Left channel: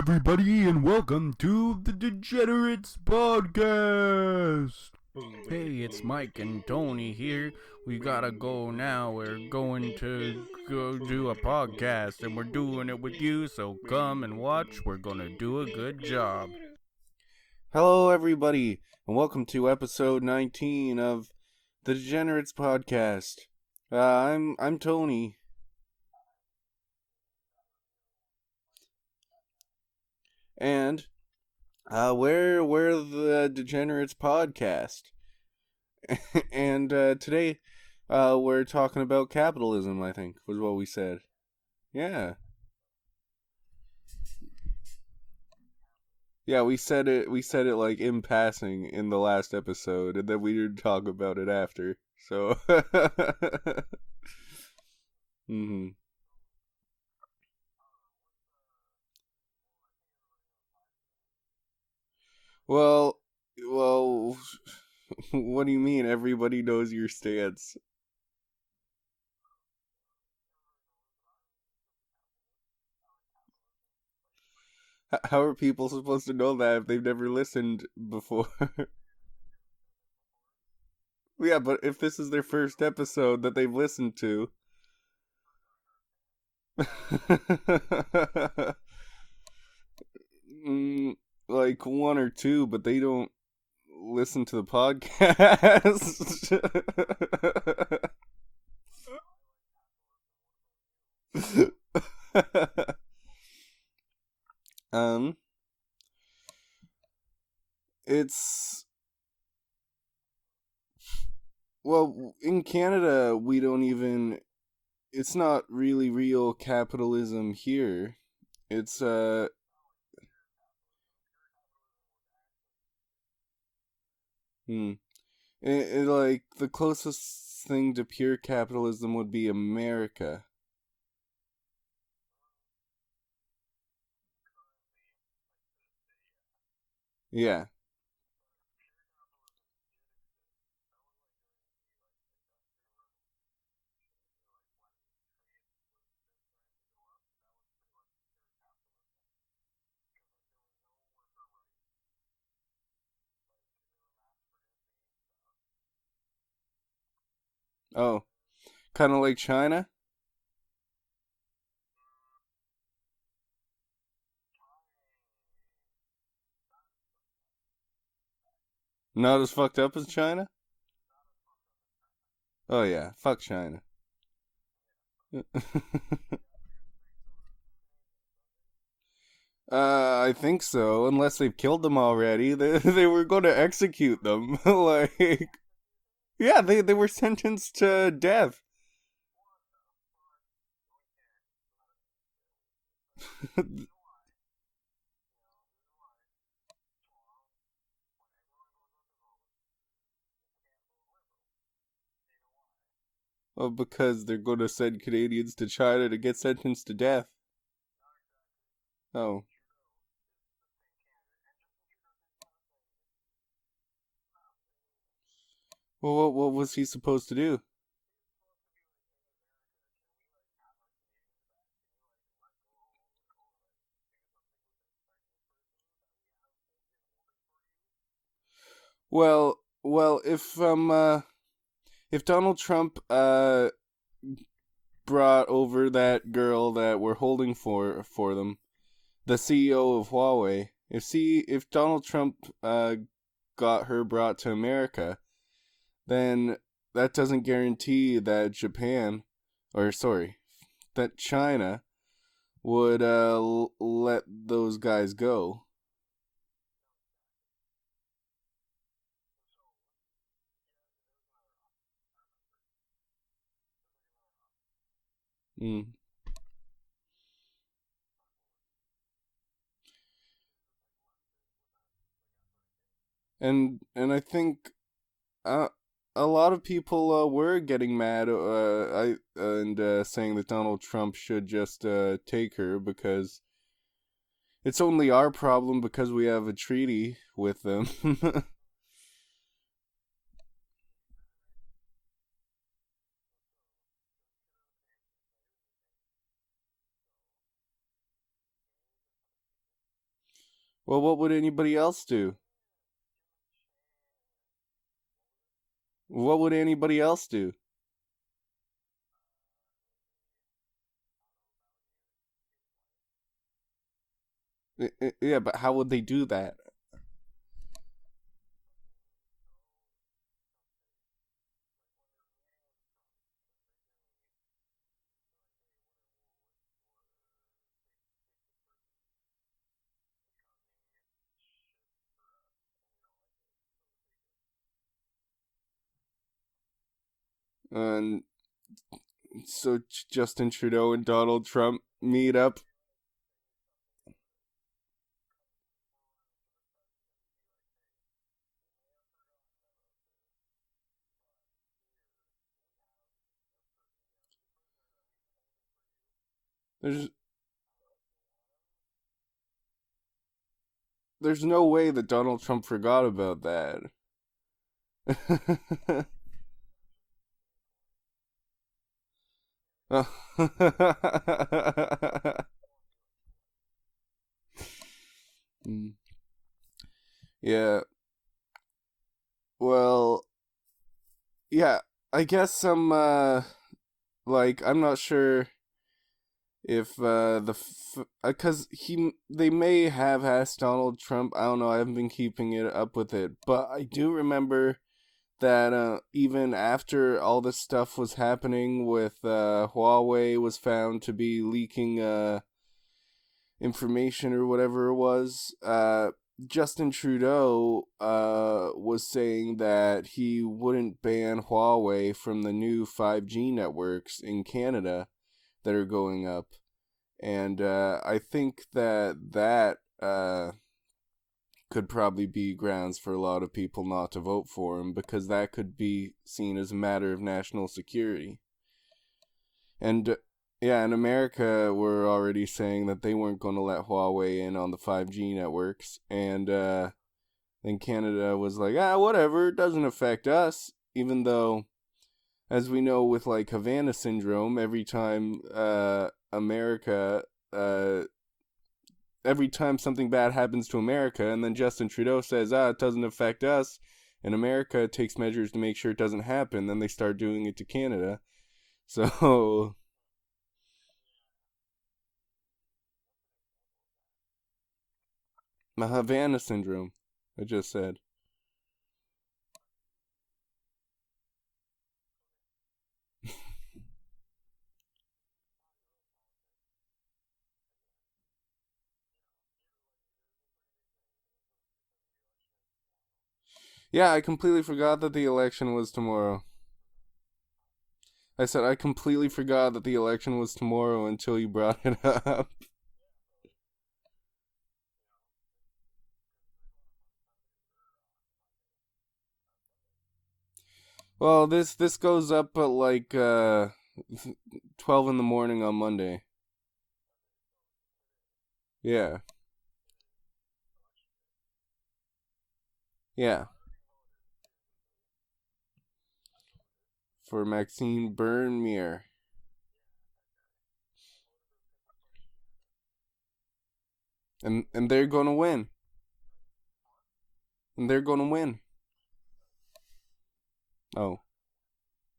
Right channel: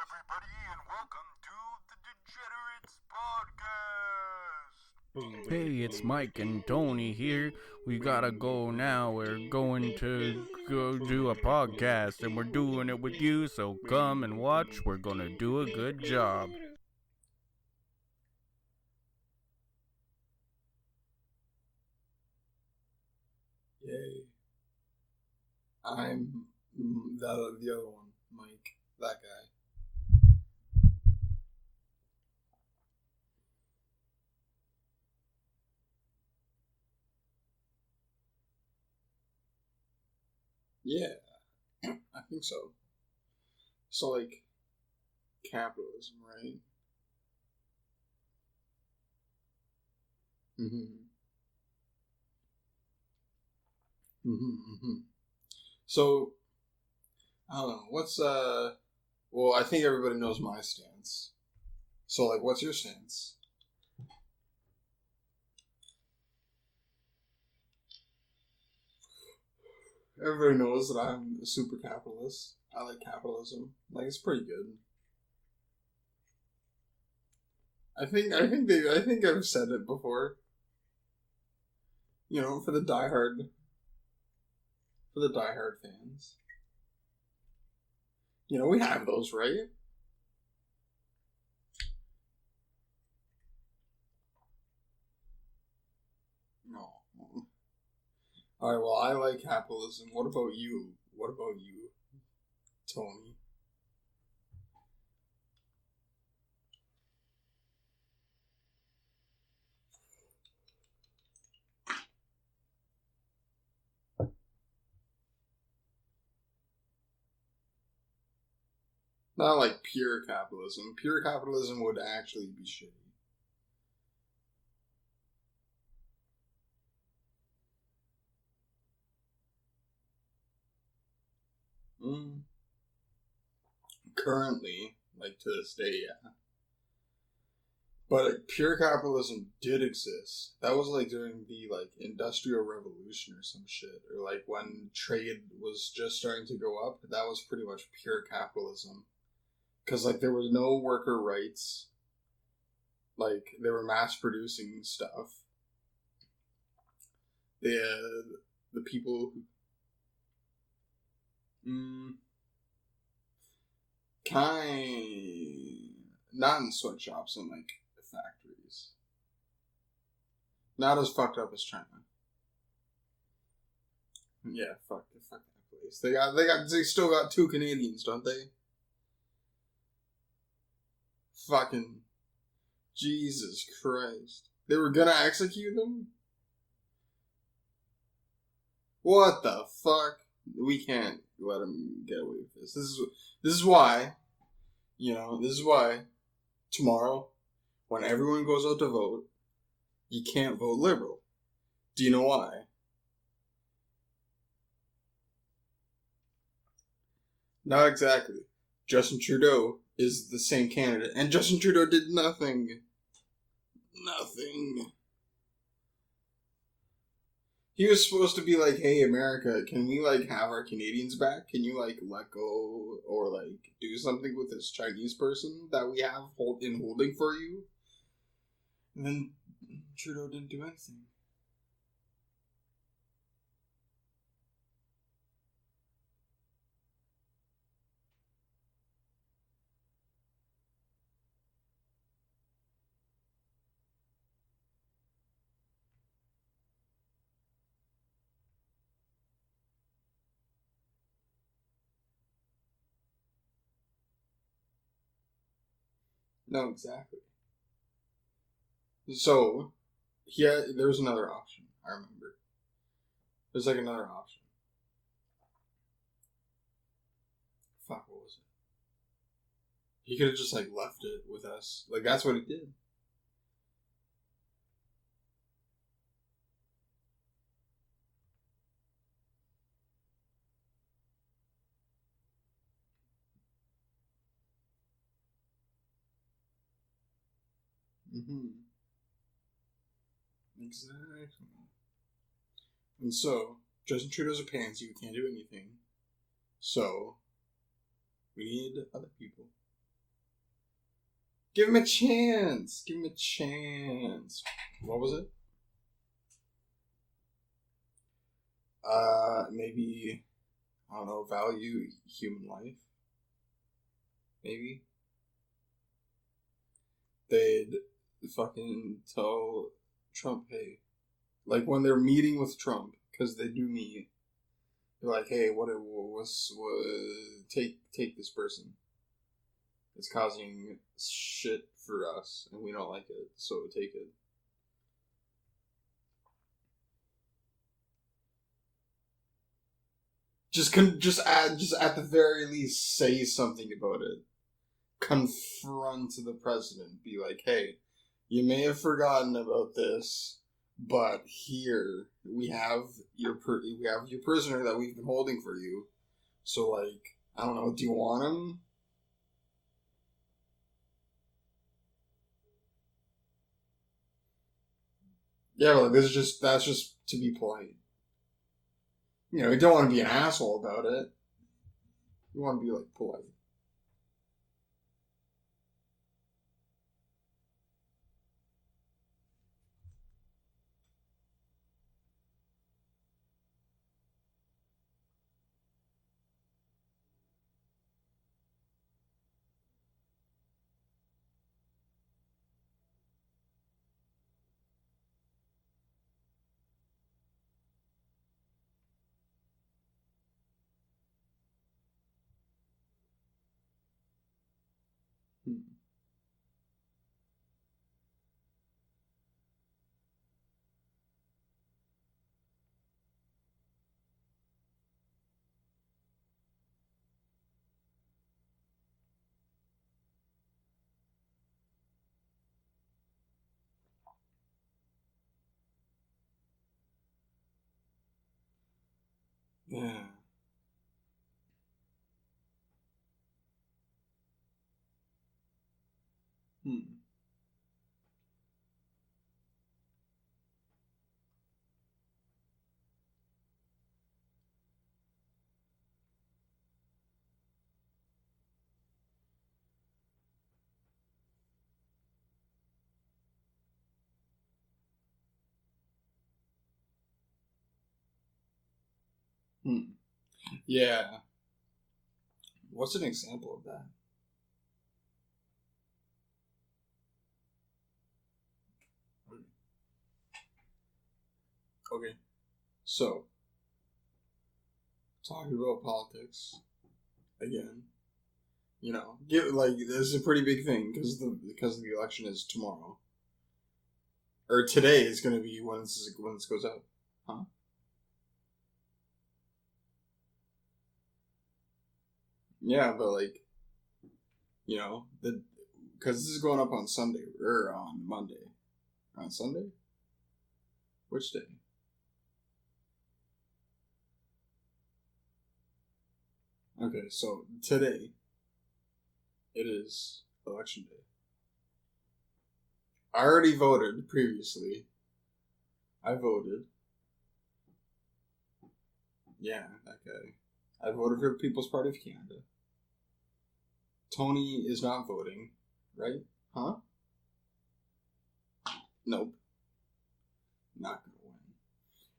everybody, and welcome to the Degenerates podcast. Hey, it's Mike and Tony here. We gotta go now. We're going to go do a podcast, and we're doing it with you, so come and watch. We're gonna do a good job. Hello, everybody, and welcome to episode 19 of the Degenerates podcast. I'm Tony. I'm the other one, Mike, that guy. And we're the Degenerates podcast. And today we're talking about capitalism, I think, was what we said. Yeah. I think so. So, like, capitalism, right? Yeah, we said it like in passing in the last episode, and then we didn't talk about it after. So So, I don't know. What's well, I think everybody knows my stance. So, like, what's your stance? Well, what do you mean everybody knows your stance? Everybody knows that I'm a super capitalist. I like capitalism. Like, it's pretty good. How are people supposed to know that if they've never listened before? I think I've said it before. Yeah, but if this is their first episode that they've listened to, for the diehard fans. Yeah, we have those, right? Like one or two, but they don't listen to the podcast. All right, well, I like capitalism. What about you? What about you, Tony? It's... Well, in Canada, we don't even... It's not really real capitalism here. It's, not like pure capitalism. Pure capitalism would actually be shitty. Like, the closest thing to pure capitalism would be America. Currently, like, to this day, yeah. Yeah. But like, pure capitalism did exist. That was like during the like Industrial Revolution or some shit, or like when trade was just starting to go up. That was pretty much pure capitalism, because like there was no worker rights. Like they were mass producing stuff. Yeah. The people... kind of like China. Not in sweatshops and like factories. Not as fucked up as China? Not as fucked up as China. Oh yeah, fuck China. Yeah, fuck. They still got 2 Canadians, don't they? I think so. Unless they've killed them already, they were going to execute them. They were going to execute them? Yeah, they were sentenced to death. What the fuck? We can't let them get away with this. This is why. You know, this is why tomorrow, when everyone goes out to vote, you can't vote Liberal. Do you know why? Well, because they're going to send Canadians to China to get sentenced to death. Not exactly. Justin Trudeau is the same candidate, and Justin Trudeau did nothing. Nothing. Well, what was he supposed to do? He was supposed to be like, hey, America, can we, like, have our Canadians back? Can you, like, let go or, like, do something with this Chinese person that we have in holding for you? Well, if Donald Trump brought over that girl that we're holding for them, the CEO of Huawei, if Donald Trump got her brought to America, then that doesn't guarantee that that China would let those guys go. No, exactly. So, there's another option, I remember. There's like another option. Fuck, what was it? He could have just like left it with us. Like, that's what he did. And I think a lot of people were getting mad and saying that Donald Trump should just take her because it's only our problem because we have a treaty with them. Exactly. And so, Justin Trudeau's a pansy who can't do anything. So, we need other people. Well, what would Give anybody him a else do? chance. Give him a chance. What was it? What would anybody else do? Maybe, I don't know, value human life. Maybe. Yeah, but how would they do that? They'd fucking tell Trump, hey, like when they're meeting with Trump, because they do meet, they're like, hey, what take this person. It's causing shit for us, and we don't like it, so take it. And so Justin Just Trudeau and Donald Trump just at the meet very up. least say something about it. Confront the president. Be like, hey, you may have forgotten about this, but here we have your prisoner that we've been holding for you. So, like, I don't know. Do you want him? There's no way that Donald Trump forgot about that. Yeah, well, that's just to be polite. You know, you don't want to be an asshole about it. You want to be, like, polite. Yeah. Well, yeah, I guess some, like, I'm not sure if, because they may have asked Donald Trump, I don't know, I haven't been keeping it up with it, but I do remember that, even after all this stuff was happening with, Huawei was found to be leaking, information or whatever it was, Justin Trudeau was saying that he wouldn't ban Huawei from the new 5G networks in Canada that are going up. And I think that could probably be grounds for a lot of people not to vote for him, because that could be seen as a matter of national security. Yeah. And yeah, in America, we're already saying that they weren't going to let Huawei in on the 5G networks. And then Canada was like, whatever, it doesn't affect us. Even though, as we know with, like, Havana syndrome, every time every time something bad happens to America, and then Justin Trudeau says, it doesn't affect us, and America takes measures to make sure it doesn't happen, then they start doing it to Canada. So... Yeah. What's an example of that? The Havana syndrome, I just said. Okay. So, talking about politics again. You know, this is a pretty big thing because the election is tomorrow. Yeah, I completely forgot that the election was tomorrow. Once goes out. Huh? I said I completely forgot that the election was tomorrow until you brought it up. Yeah, but, like, you know, because this is going up on Sunday or on Monday. On Sunday? Well, this goes up at like 12 in the morning on Monday. Okay, so today. Yeah. It is election day. I already voted previously. I voted. For Maxime Bernier. Yeah, that guy. I voted for the People's Party of Canada. Tony is and they're going to win. Right? Huh? And they're going to win. Nope. Not win.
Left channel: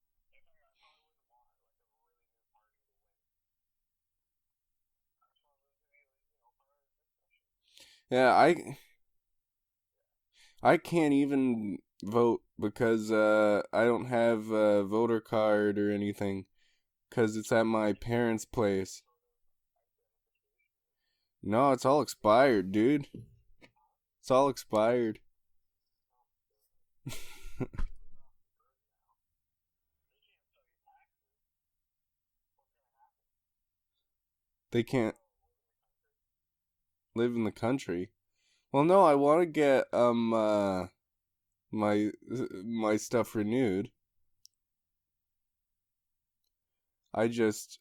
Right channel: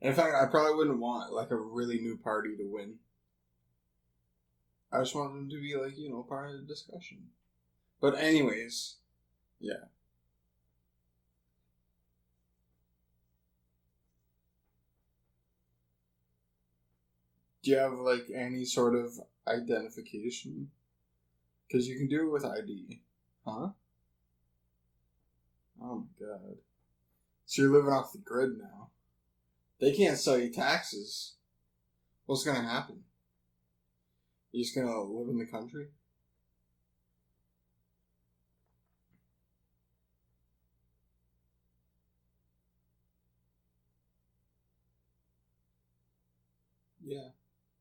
In fact, I probably wouldn't want, like, a really new party to win. I just want them to be, like, you know, part of the discussion. But anyways. I can't even vote because I don't have a voter card or anything, because it's at my parents' place. Sort of identification? No, it's all expired, dude. Huh? It's all expired. Oh my god. So you're living off the grid now. They can't sell you taxes. What's gonna happen? You just gonna live in the country? Live in the country? Well, no, I want to get my stuff renewed. Yeah. I just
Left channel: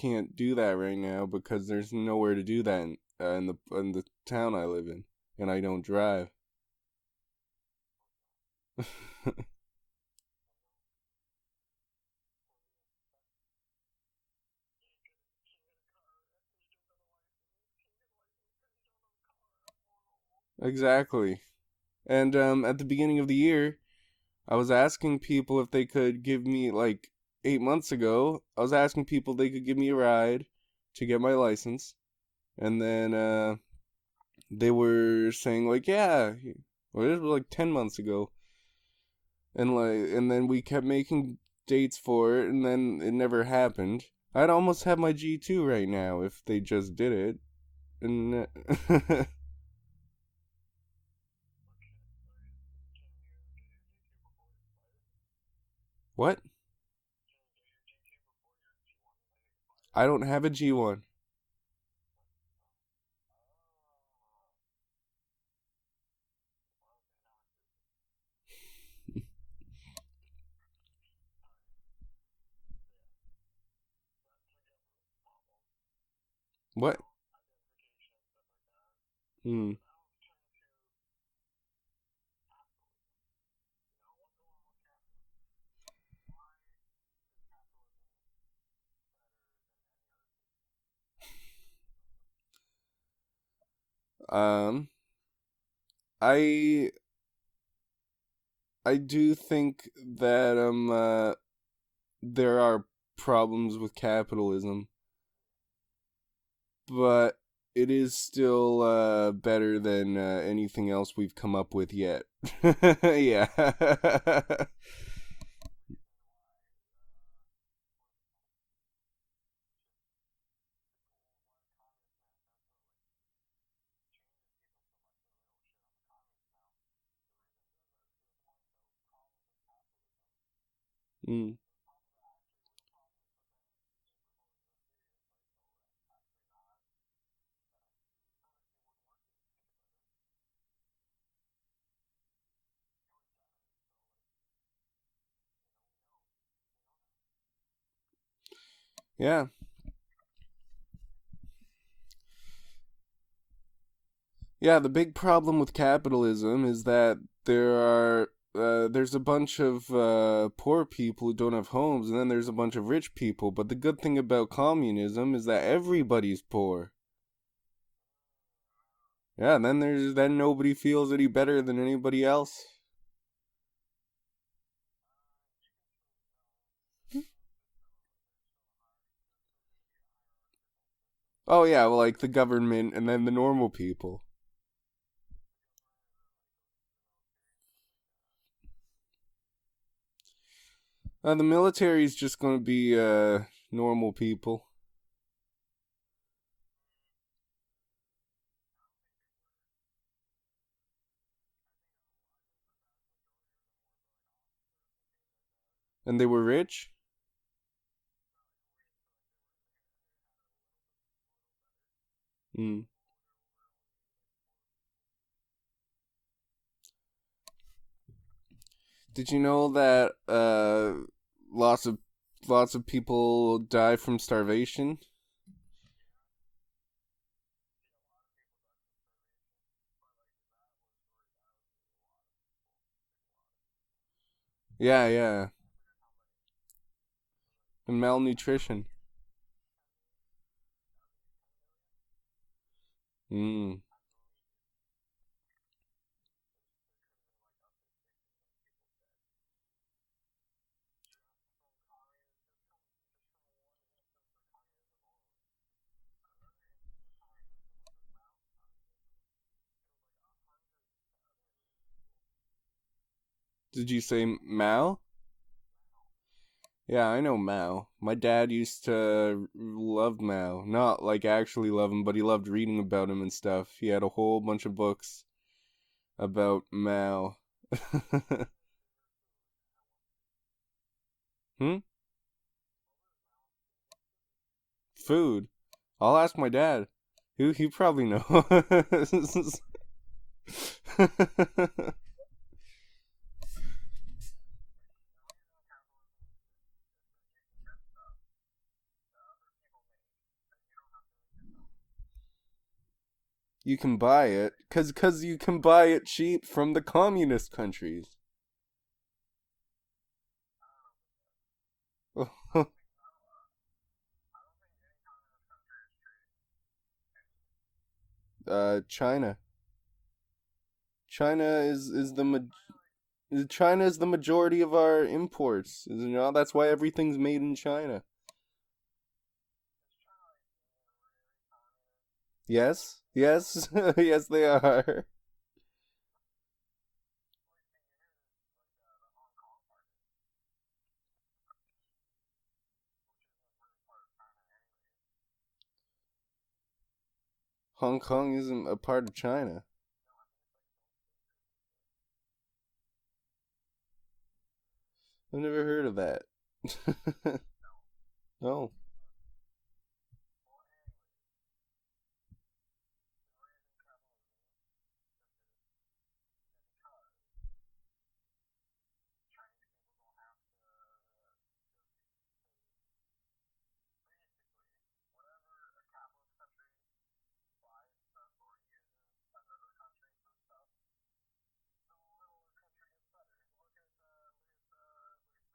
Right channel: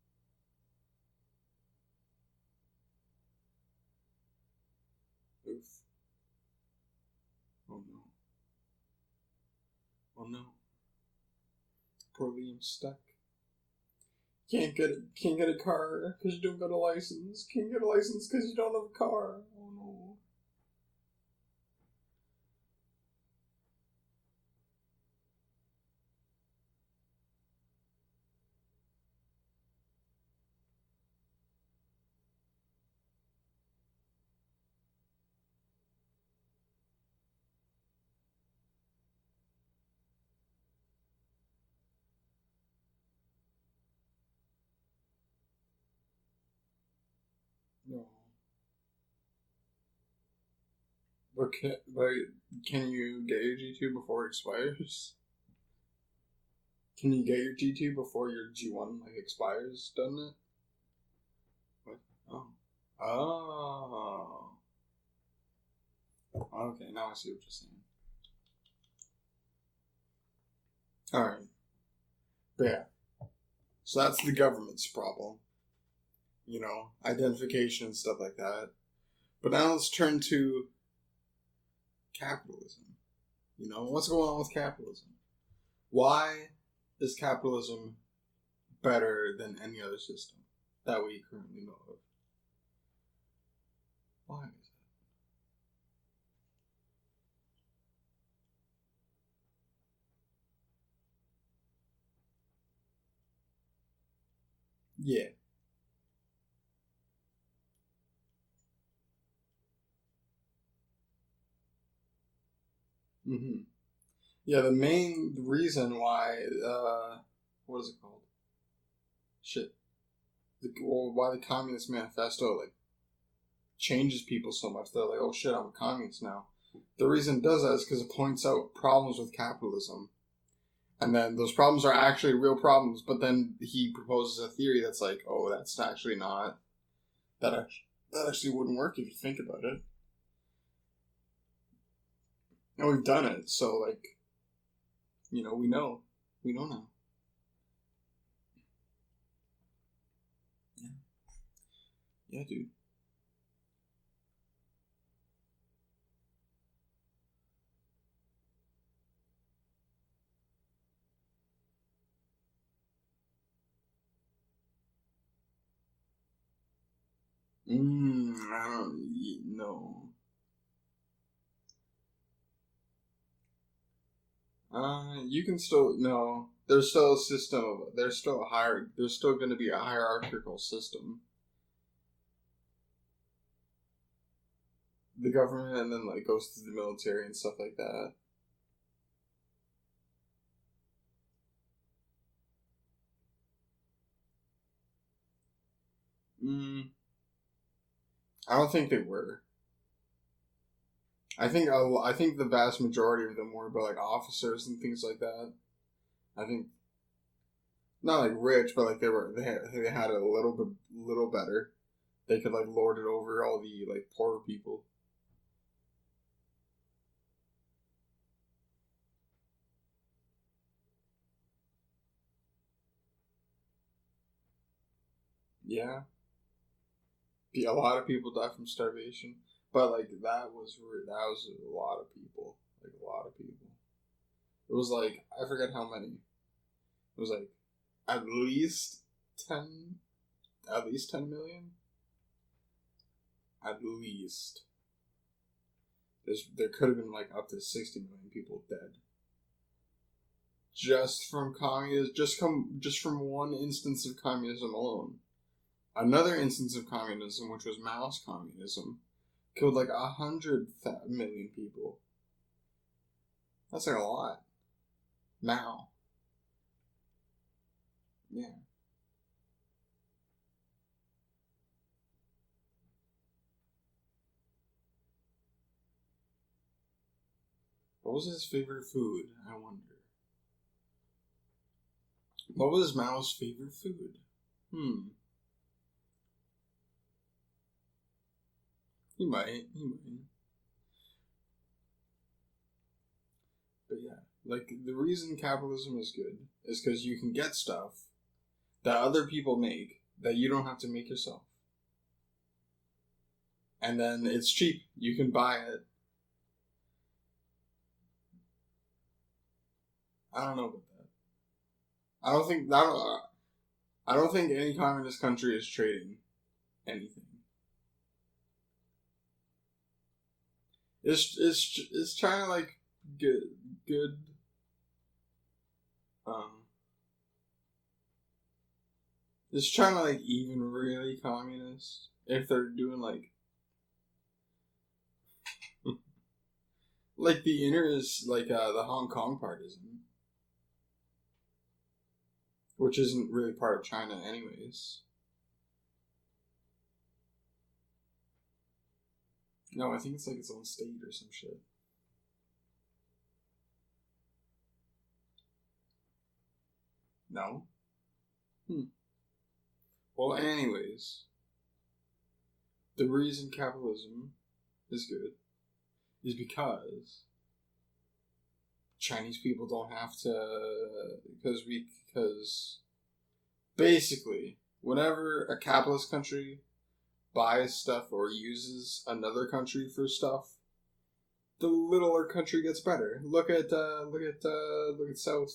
can't do that right now because there's nowhere to do that in the town I live in, and I don't drive. Oh no! Oh no! Poor Liam's stuck. Can't get a car because you don't got a license. Can't get a license because you don't have a car. Oh no! Exactly. And at the beginning of the year, I was asking people if they could give me, like, 8 months ago, I was asking people if they could give me a ride to get my license. And then they were saying, like, yeah. Well, it was like 10 months ago. And then we kept making dates for it, and then it never happened. I'd almost have my G2 right now if they just did it. Yeah. And Can you get your G2 before it expires? what? Can you get your G2 before your G1 like expires? I don't have a G1. What? Oh. Oh. Okay, now I see what you're saying. Alright. But yeah. So that's the government's problem. You know, What? identification and stuff like that. But now let's turn to capitalism. You know, what's going on with capitalism? Why is capitalism better than any other system that we can know of? I do think that there are problems with capitalism, Yeah. but it is still better than anything else we've come up with yet. Yeah. Yeah, the main reason why, what is it called? Shit. Why the Communist Manifesto, like, changes people so much. They're like, oh shit, I'm a communist now. The reason it does that is because it points out problems with capitalism. And then those problems are actually real problems, but then he proposes a theory that's like, oh, that's actually not... That actually wouldn't work if you think about it. And we've done it, so, like, you know, we know. We know now. Yeah. Yeah, dude. Yeah, the big problem with capitalism is that there's a bunch of poor people who don't have homes, and then there's a bunch of rich people. But the good thing about communism is that everybody's poor. Yeah, then nobody feels any better than anybody else. You can still no. There's still a system. There's still going to be a hierarchical system. Oh yeah, well, like the government and then the normal people. The government and then like goes to the military and stuff like that. The military's just going to be normal people. I don't think they were. I think the vast majority of them were, but like officers and things like that. And they were rich? Not like rich, but like they had it a little better. They could like lord it over all the like poorer people. Did you know that lots of people die from starvation? Yeah. A lot of people die from starvation, but like that was a lot of people, like a lot of people. It was yeah. I forget how many. It was like malnutrition. At least 10 million. At least. There could have been like up to 60 million people dead. Just from from one instance of communism alone. Another instance of communism, which was Mao's communism, killed like 100 million people. Did you say Mao? Mao. Yeah, I know Mao. My dad used to love Mao. Not like actually love him, but he loved reading about him and stuff. He had a whole bunch of books about Mao. What was his favorite food? I wonder. What was Mao's favorite food? Food? I'll ask my dad. He probably knows. He might. But yeah, like the reason capitalism is good is because you can get stuff that other people make that you don't have to make yourself. You can buy it because you can buy it cheap from the communist countries. I don't know about that. I don't think any communist country is trading anything. China. China is China like good, China is the good? majority of our imports. That's why everything's made in China. Is China like even really communist? If they're Yes, doing like yes, yes, they are. like the inner is like the Hong Kong part isn't, which isn't really part of China anyways. Hong Kong isn't a part of China. No, I think it's like its own state or some shit. I've never heard of that. No. No. Well, anyways, the reason capitalism is good is because Chinese people don't have to, because basically, whenever a capitalist country buys stuff or uses another country for stuff, the littler country gets better. Look at South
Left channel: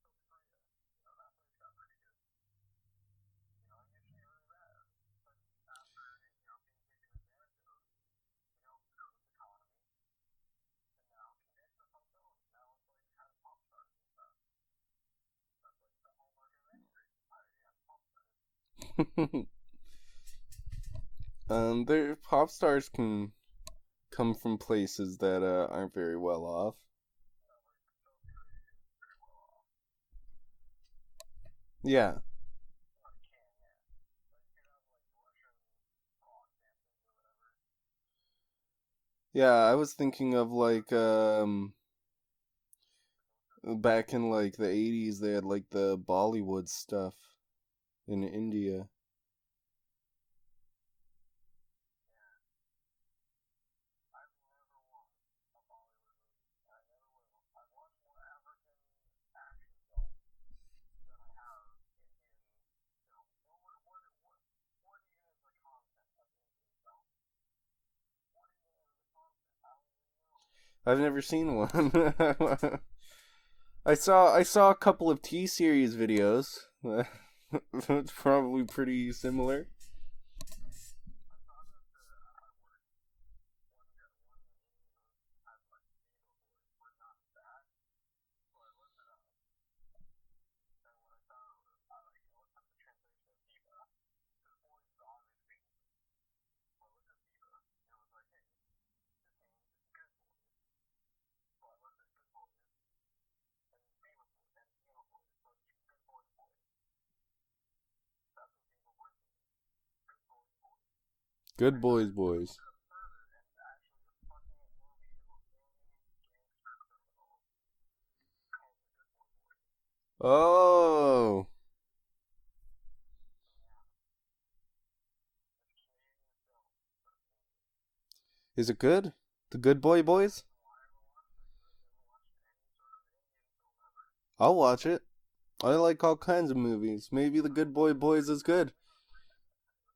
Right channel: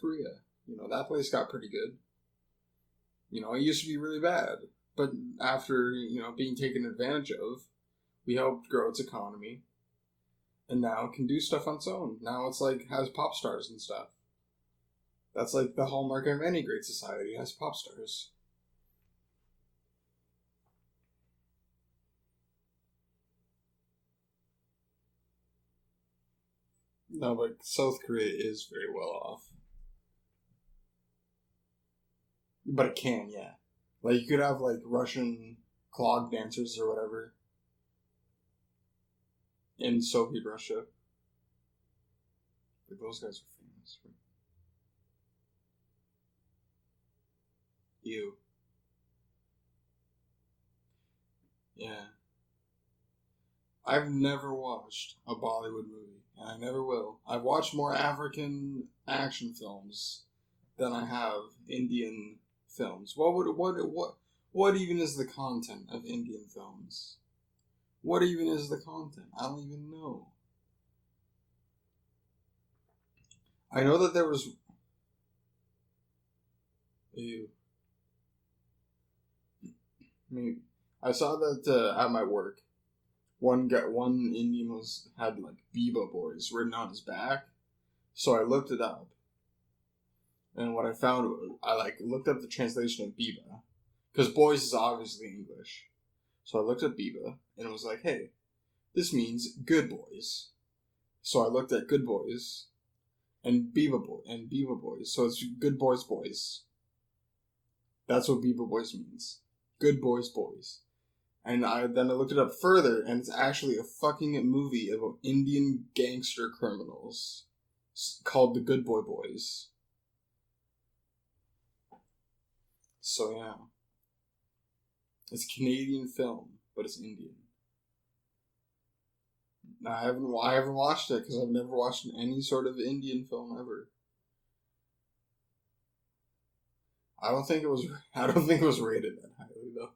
Korea. You know, that place got pretty good. You know, it used to be really bad, but after, you know, being taken advantage of, we helped grow its economy, and now it can do stuff on its own. Now it's like has pop stars and stuff. That's like the hallmark of any great society, has pop stars. Their pop stars can come from places that aren't very well off. No, but South Korea is very well off. Yeah. But it can, yeah. Like, you could have, like, Russian clog dancers or whatever. Yeah, I was In thinking Soviet of, Russia. like, Those guys are back in, like, the 80s, they had, like, the Bollywood stuff in Ew. India. Yeah. I've never watched a Bollywood movie, and I never will. I've watched more African action films than I have Indian films. What even is the content of Indian films? What even is the content? I don't even know. I've never seen one. I saw a couple of T-series videos. Ew. It's probably pretty similar. I mean, I saw that at my work. One Indian had like Biba Boys written on his back, so I looked it up. And what I found, I like looked up the translation of Biba, because boys is obviously English. So I looked up Biba, and it was like, hey, this means good boys. So I looked at good boys, and Biba Boys. So it's good boys, boys. That's what Biba Boys means. Good boys, boys. And then I looked it up further, and it's actually a fucking movie about Indian gangster criminals called The Good Boy Boys. Oh. So yeah. It's a Canadian film, but it's Indian. Is it good? The Good Boy Boys? I haven't watched it because I've never watched any sort of Indian film ever. I'll watch it. I like all kinds of movies. Maybe The Good Boy Boys is good. I don't think it was rated that highly, though.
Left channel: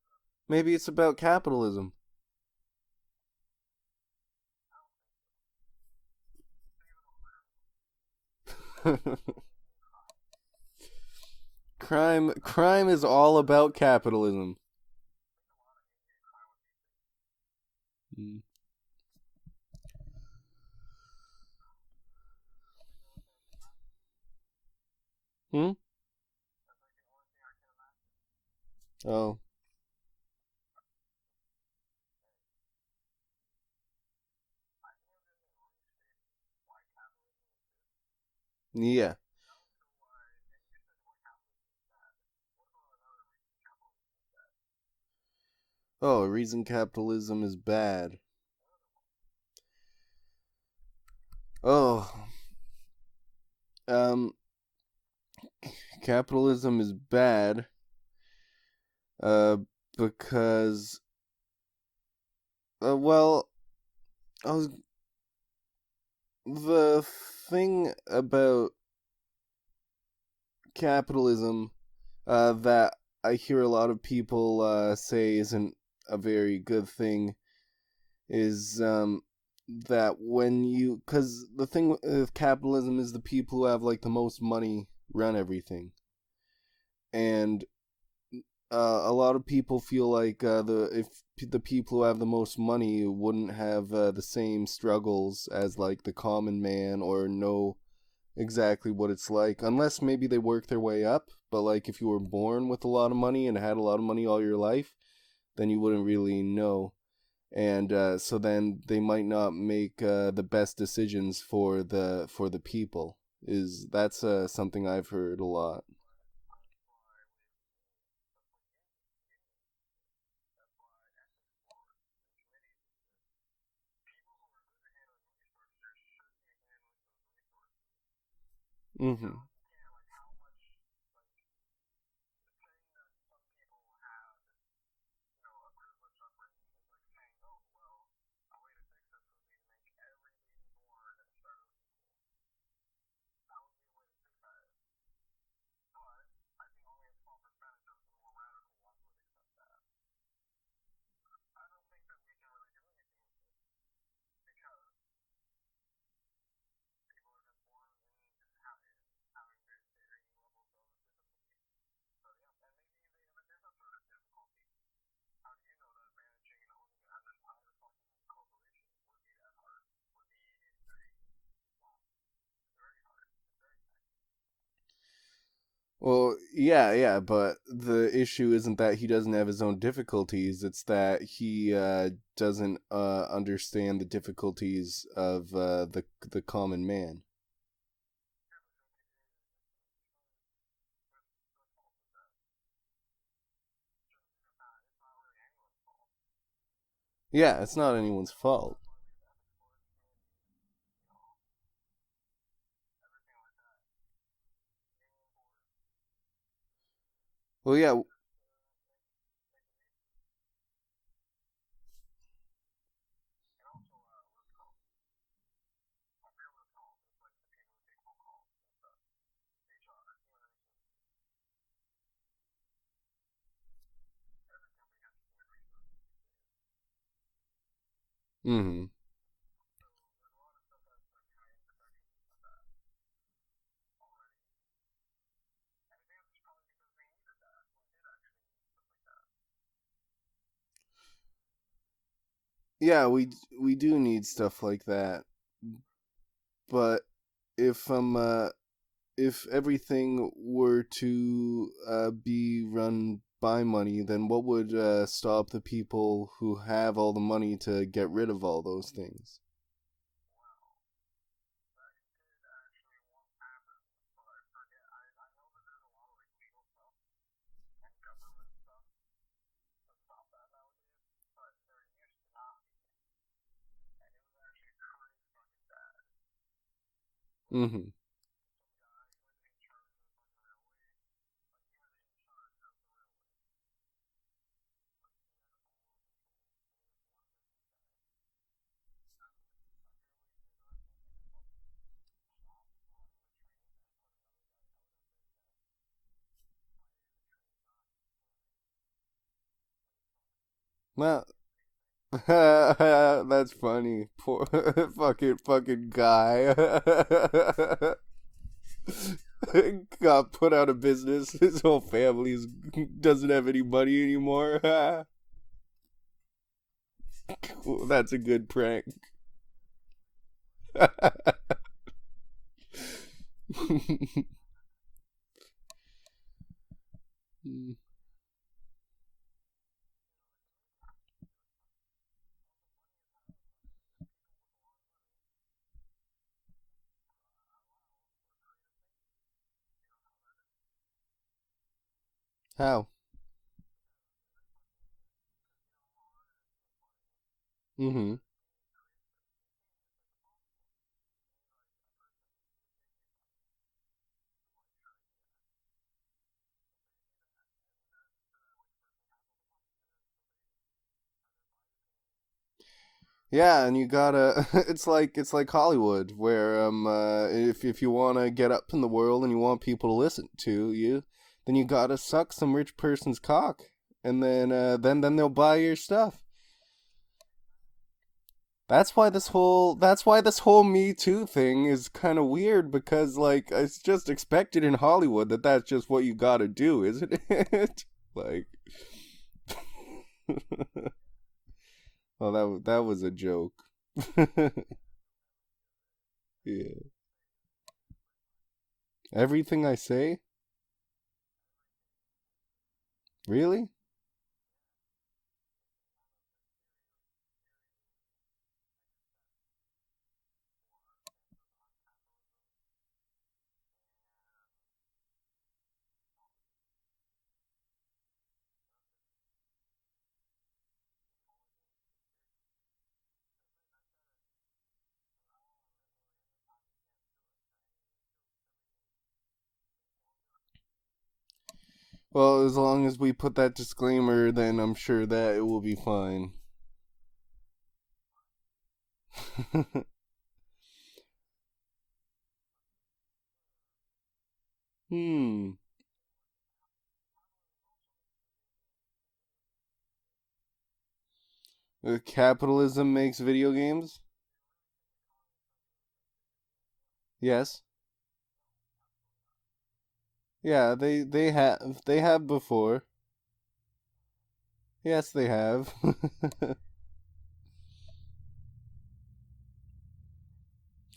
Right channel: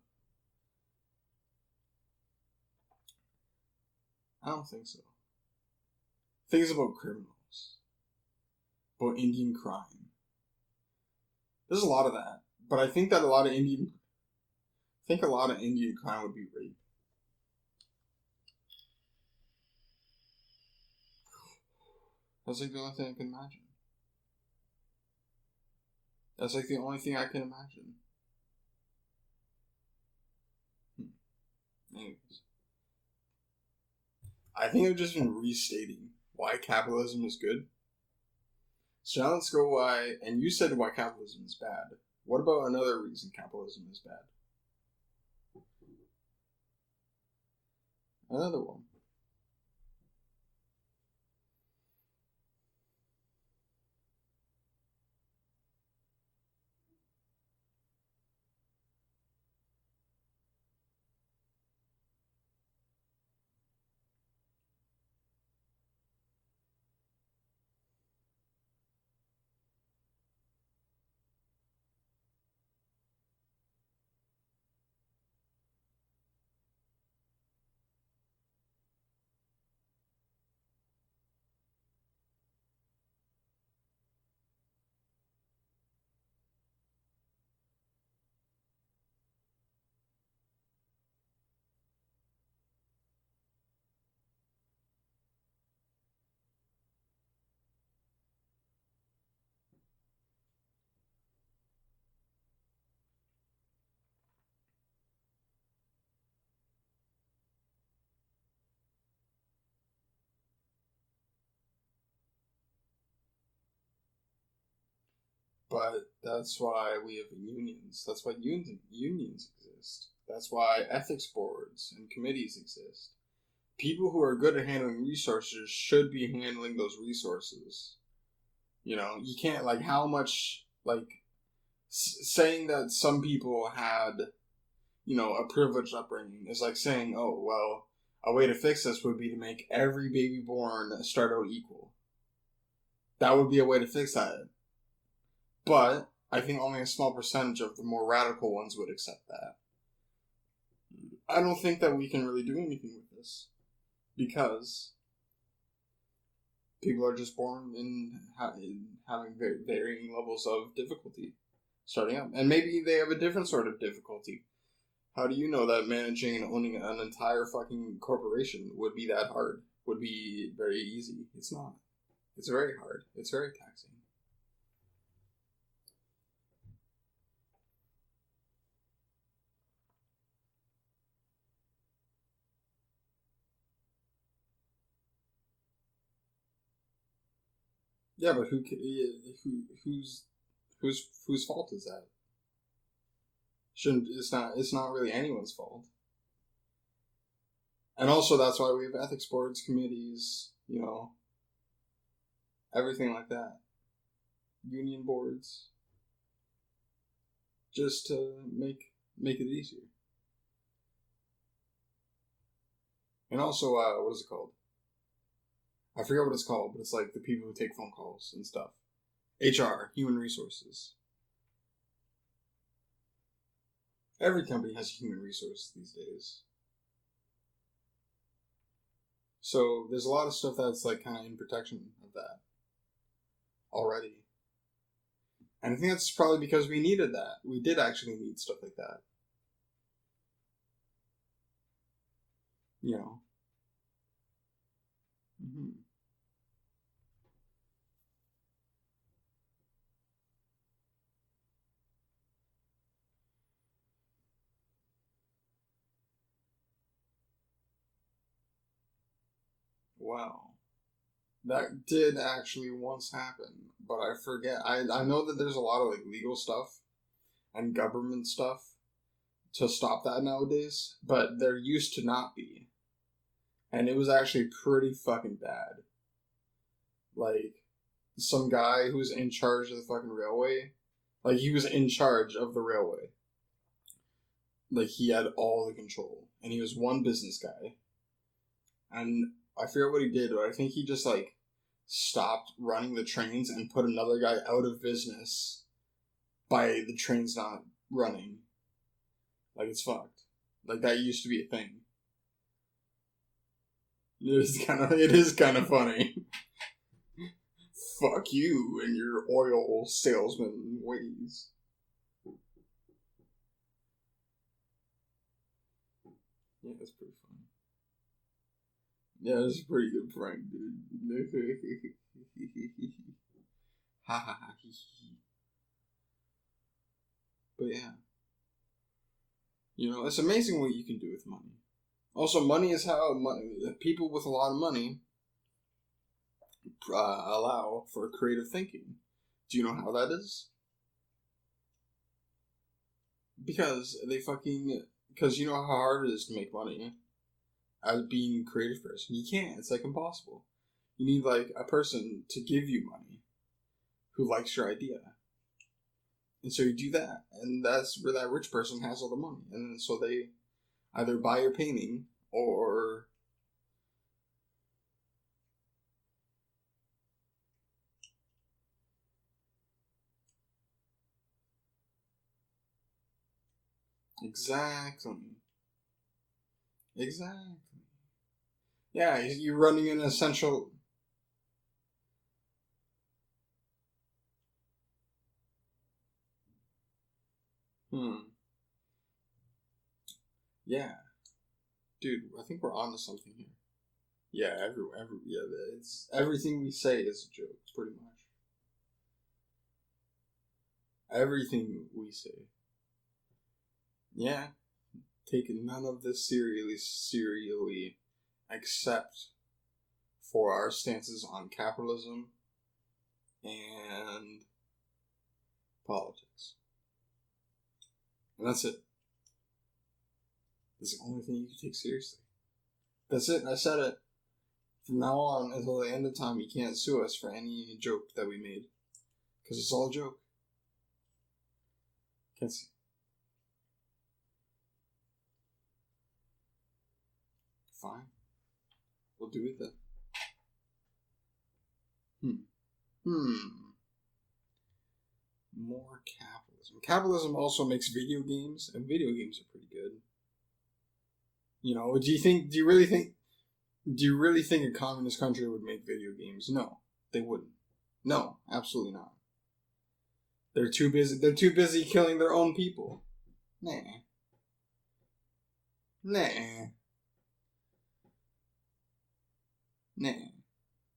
Maybe it's about capitalism. I don't think so. I think it's about criminals. About Indian crime. Crime is all about capitalism. I think a lot of Indian crime would be rape. That's like the only thing I can imagine. That's like the only thing I can imagine. Oh. Anyways. I think I've just been restating why capitalism is good. Yeah. So now let's go why, and you said why capitalism is bad. What about another reason capitalism is bad? Oh, a reason capitalism is bad. Another one. Oh. Capitalism is bad. Because. The thing about capitalism that I hear a lot of people say isn't a very good thing is that because the thing with capitalism is the people who have like the most money run everything, and a lot of people feel like the people who have the most money wouldn't have the same struggles as like the common man, or know exactly what it's like, unless maybe they work their way up. But like if you were born with a lot of money and had a lot of money all your life, then you wouldn't really know. And so then they might not make the best decisions for the people. That's something I've heard a lot. But that's why we have unions. That's why unions exist. That's why ethics boards and committees exist. People who are good at handling resources should be handling those resources. You know, you can't, like, how much, like, saying that some people had, you know, a privileged upbringing is like saying, oh, well, a way to fix this would be to make every baby born start out equal. That would be a way to fix that. But I think only a small percentage of the more radical ones would accept that. I don't think that we can really do anything with this, because people are just born in having varying levels of difficulty starting up. And maybe they have a different sort of difficulty. How do you know that managing and owning an entire fucking corporation would be that hard? Would be very easy? It's not. It's very hard. It's very taxing. Well, yeah, but the issue isn't that he doesn't have his own difficulties. It's that he doesn't understand the difficulties of the common man. Yeah, but whose fault is that? It's not really anyone's fault. Yeah, it's not. And also, that's why we have ethics boards, committees, you know, everything like that. Union boards. Well, just to make it easier. And also, what is it called? I forget what it's called, but it's like the people who take phone calls and stuff. HR, human resources. Every company has a human resource these days. Mm-hmm. So there's a lot of stuff that's like kind of in protection of that already. And I think that's probably because we needed that. We did actually need stuff like that. Yeah, we do need stuff like that. Mm-hmm. But if everything were to be run by money, then what would stop the people who have all the money to get rid of all those things? Wow. That did actually once happen, but I forget. I know that there's a lot of like legal stuff and government stuff to stop that nowadays, but there used to not be. And it was actually pretty fucking bad. Like, some guy who was in charge of the fucking railway, like, he was in charge of the railway. Like, he had all the control. And he was one business guy. And I forget what he did, but I think he just, like, stopped running the trains and put another guy out of business by the trains not running. Like, it's fucked. Like, that used to be a thing. That's funny. It is kind of funny. Guy. Fuck you and your oil sales. Got put out of business. His whole family doesn't have any money anymore. Yeah, that's pretty funny. Cool. That's a good prank. Yeah, that's a pretty good prank, dude. But yeah. You know, it's amazing what you can do with money. Also, money is how people with a lot of money allow for creative thinking. Do you know how that is? How? Because you know how hard it is to make money out of being a creative person. You can't. It's like impossible. You need like a person to give you money who likes your idea. And so you do that. And that's where that rich person has all the money. And so they either buy your painting or... Yeah, and you gotta... It's like Hollywood, where if you want to get up in the world and you want people to listen to you, then you gotta suck some rich person's cock. And then then they'll buy your stuff. Exactly. That's why this whole Me Too thing is kind of weird, because like it's just expected in Hollywood that's just what you gotta do, isn't it? Like, Yeah, dude. Oh, that was a joke. Yeah, it's everything we say is a joke, pretty much. Everything I say? Everything we say. Really? Yeah. Taking none of this serially, except for our stances on capitalism and politics. And that's it. That's the only thing you can take seriously. That's it. I said it. From now on, until the end of time, you can't sue us for any joke that we made. Because it's all a joke. Well, as long as we put that disclaimer, then I'm sure that it will be fine. Fine. What do you think? More capitalism. Capitalism also makes video games, and video games are pretty good. You know, Capitalism makes video games? Do you really think a communist country would make video games? No. Yes. No, absolutely not. Yeah, they're too busy killing their own people. Nah. Yes, they have. Nah. Nah.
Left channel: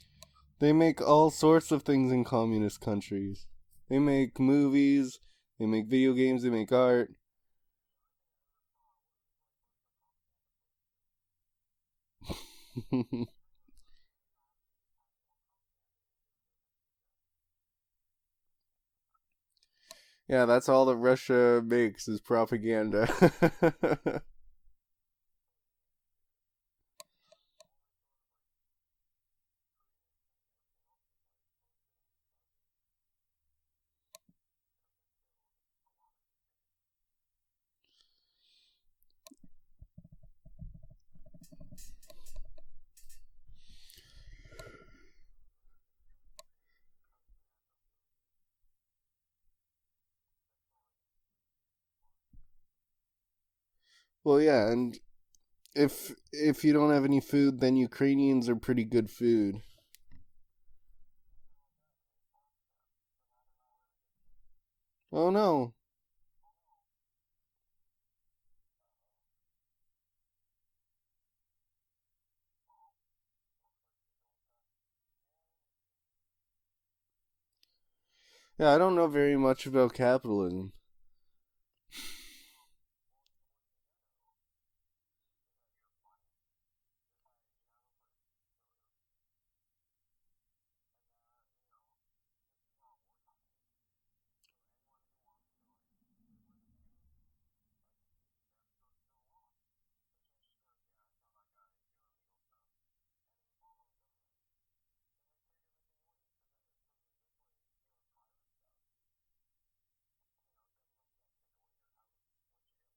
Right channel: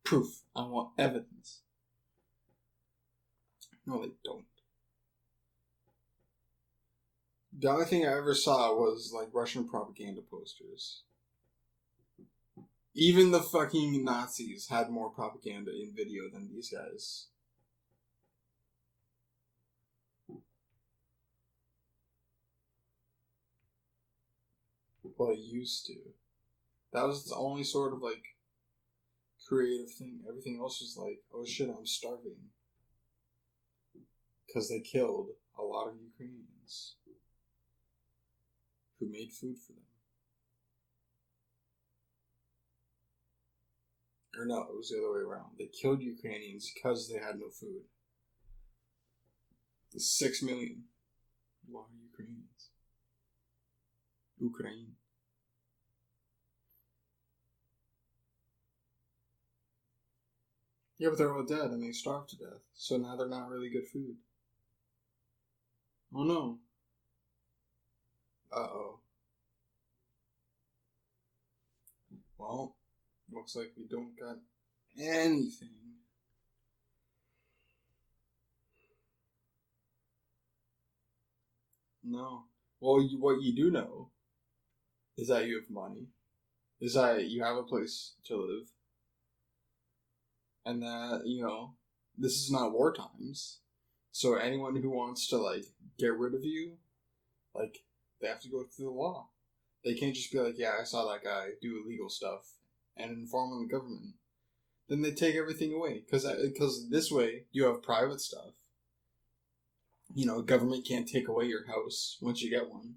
Proof. They make all sorts of things in communist countries. They make movies, they make video games, they make art. The only thing I ever saw was, like, Russian propaganda posters. Even the fucking Nazis had more propaganda in video than these guys. Yeah, that's all that Russia makes is propaganda. Well, it used to. That was the only sort of, like, creative thing. Everything else was like, oh shit, I'm starving. Because they killed a lot of Ukrainians who made food for them. Or no, it was the other way around. They killed Ukrainians because they had no food. The 6 million were Ukrainians. Well, yeah, and if you don't have any food, then Ukrainians are pretty good food. Yeah, but they're all dead and they starved to death. So now they're not really good food. Oh no. Oh no. Uh-oh. Well, looks like we don't got anything. Yeah, I don't know very much about capitalism. No. Well, what you do know is that you have money, is that you have a place to live, and that, you know, this is not war times. So anyone who wants to, like, get rid of you, like, they have to go through the law. They can't just be like, yeah, I saw that guy do illegal stuff and inform the government. Then they take everything away. Because this way, you have private stuff. You know, government can't take away your house once you get one.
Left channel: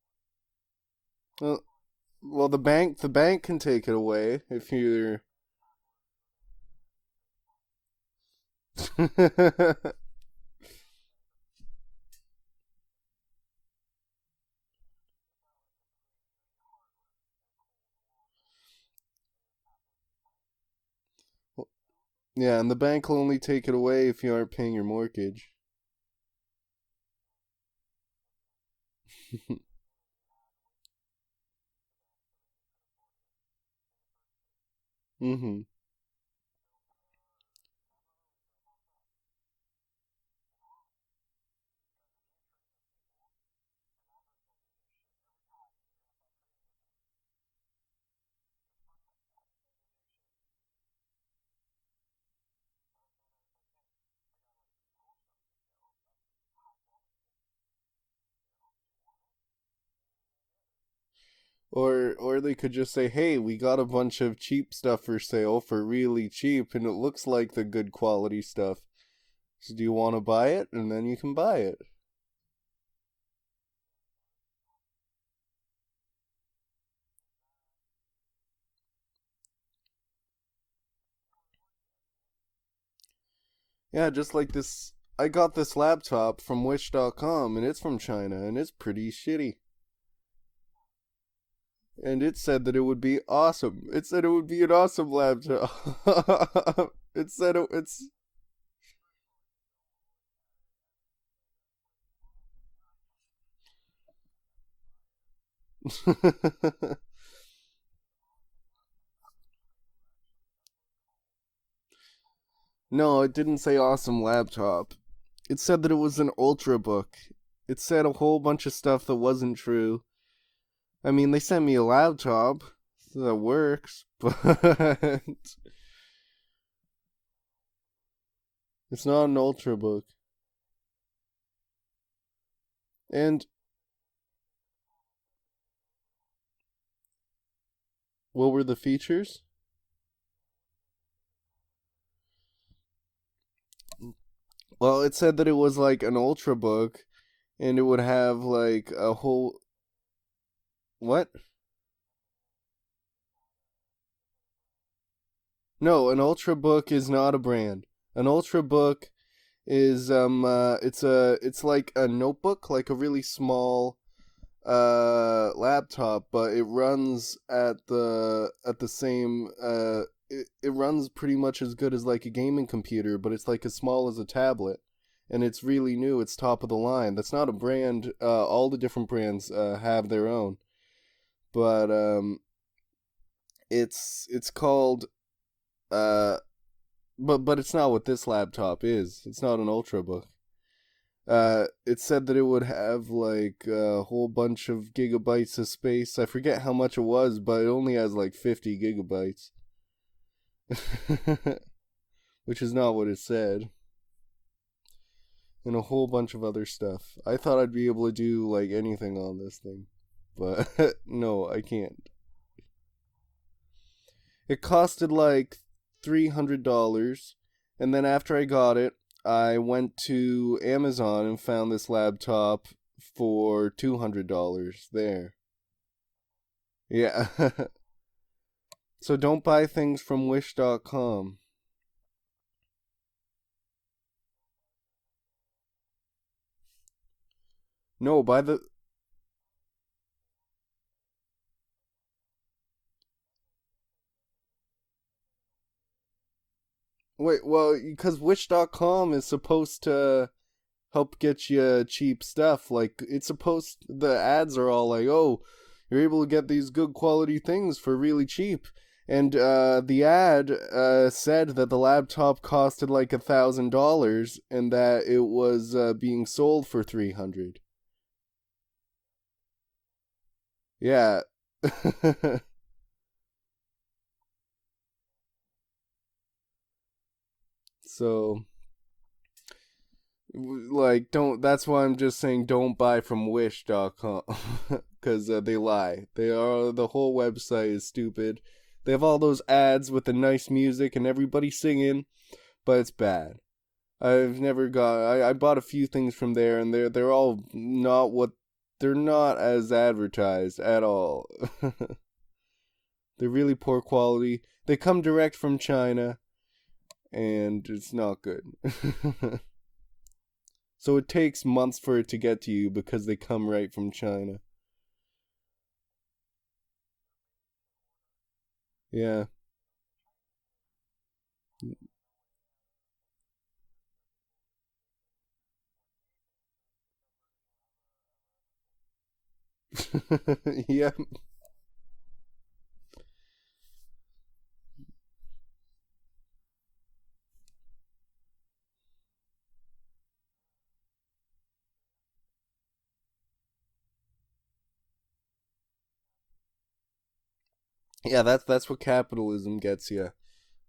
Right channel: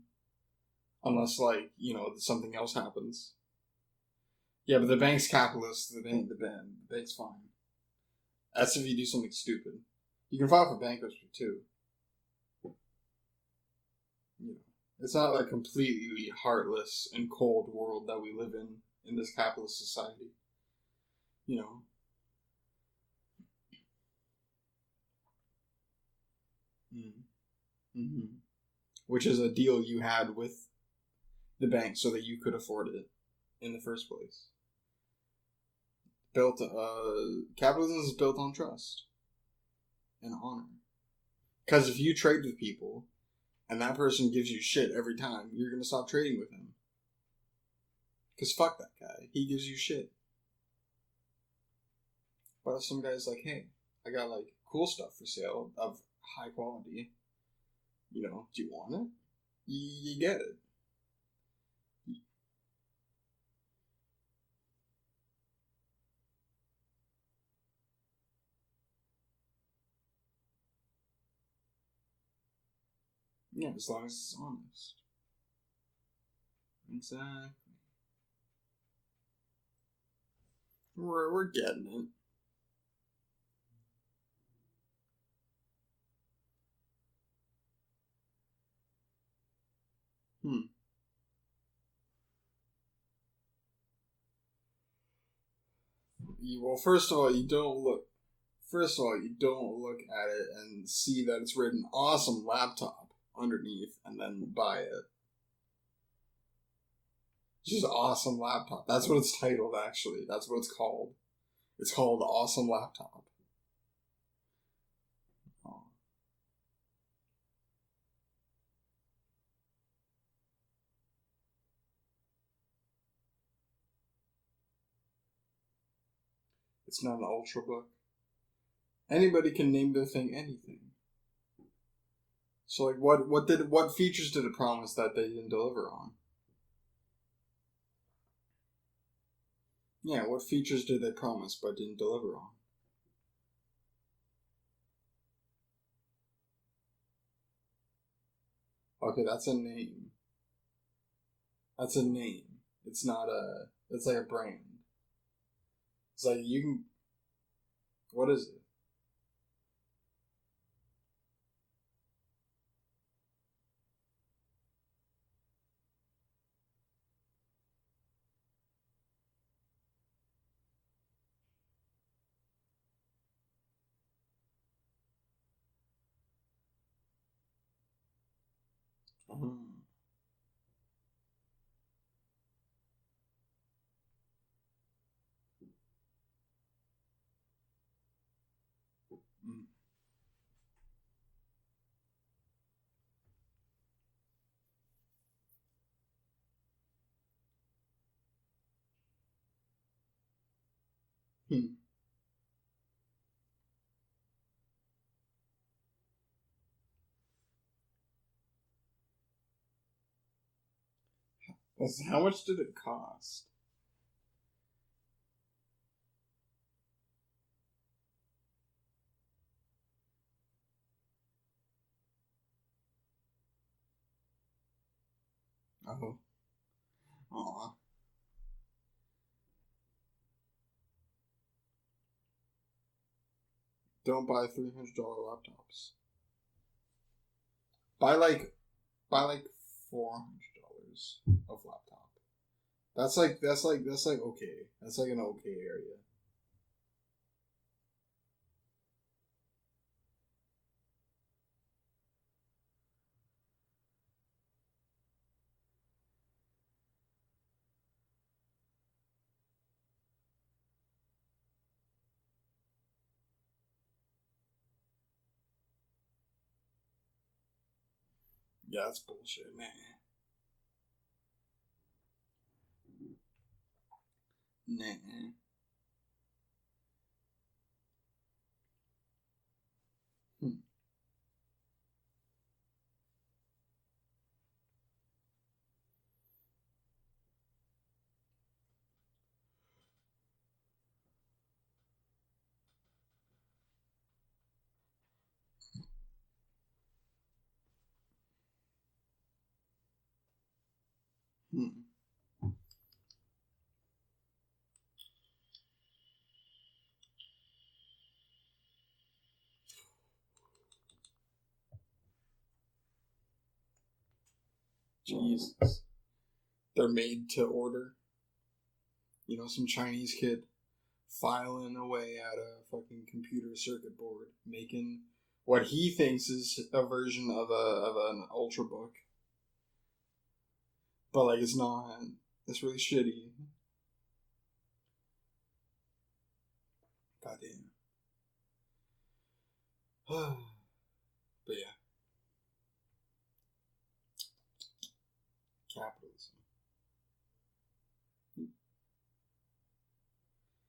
Unless, like, you know, something well, the else bank, happens. the bank can take it away if Yeah, you. but the bank's capitalist. The bank's fine. That's if you do something stupid. You can file for bankruptcy too. You know, it's not like completely heartless and cold world that we live in this capitalist society. You know. Yeah, and the bank will only take it away if you aren't paying your mortgage. Mm-hmm. Which is a deal you had with the bank so that you could afford it in the first place. Mm-hmm. Capitalism is built on trust and honor. Because if you trade with people and that person gives you shit every time, you're going to stop trading with him. Because fuck that guy. He gives you shit. But if some guy's like, hey, I got, like, cool stuff for sale of high quality. You know, do you want it? You get it. Or they could just say, hey, we got a bunch of cheap stuff for sale for really cheap, and it looks like the good quality stuff. So do you want to buy it? And then you can buy it. Yeah, as long as it's honest. Exactly. We're getting it. Yeah, just like this. I got this laptop from Wish.com, and it's from China, and it's pretty shitty. And it said that it would be awesome. It said it would be an awesome laptop. Well, first of all, you don't look at it and see that it's written "awesome laptop" underneath, and then buy it. Just awesome laptop. That's what it's titled, actually. That's what it's called. It's called Awesome Laptop. No, it didn't say awesome laptop. It said that it was an ultrabook. It said a whole bunch of stuff that wasn't true. I mean, they sent me a laptop that works, but It's not an ultrabook. it's not Anybody an can name the ultrabook. thing anything. So, like, what features did it promise that they didn't deliver on? What were the features? Yeah, what features did they promise but didn't deliver on? Well, it said that it was like an ultrabook, and it would have like a Okay, whole. That's a name. What? That's a name. It's not a. It's like a brand. No, an It's like ultrabook is not a brand. An What is it? ultrabook is it's like a notebook, like a really small laptop, but it runs at the same it runs pretty much as good as like a gaming computer, but it's like as small as a tablet, and it's really new. It's top of the line. That's not a brand. All the different brands have their own, but it's called but it's not what this laptop is. It's not an ultrabook. It said that it would have like a whole bunch of gigabytes of space. I forget how much it was, but it only has like 50 gigabytes. Which is not what it said. And a whole bunch of other stuff. I thought I'd be able to do like anything on this thing. But no, I can't. How much did it cost? It costed like $300, and then after I got it, I went to Amazon and found this laptop for $200 there. Oh. Yeah. So don't buy things from Wish.com. Don't buy $300 laptops. No, like, buy the... Buy like $400 of laptop. That's like okay. That's like an okay area. Wait, well, because Wish.com is supposed to help get you cheap stuff. Like, it's supposed... The ads are all like, oh, you're able to get these good quality things for really cheap. And the ad said that the laptop costed like $1,000 and that it was being sold for $300. Yeah, that's bullshit, man. Yeah. Nah. So, like, don't. That's why I'm just saying don't buy from Wish.com because they lie. The whole website is stupid. They have all those ads with the nice music and everybody singing, but it's bad. I bought a few things from there, and they're all not what they're not as advertised at all. They're really poor quality. They come direct from China, and it's not good. So it takes months for it to get to you because they come right from China. Jesus. They're made to order. Yeah. You know, some Chinese kid filing away at a fucking computer circuit board, making what he thinks is a version of an ultrabook. Yeah. But like it's not. It's really shitty. Goddamn. But yeah. Capitalism. Yeah, that's what capitalism gets you.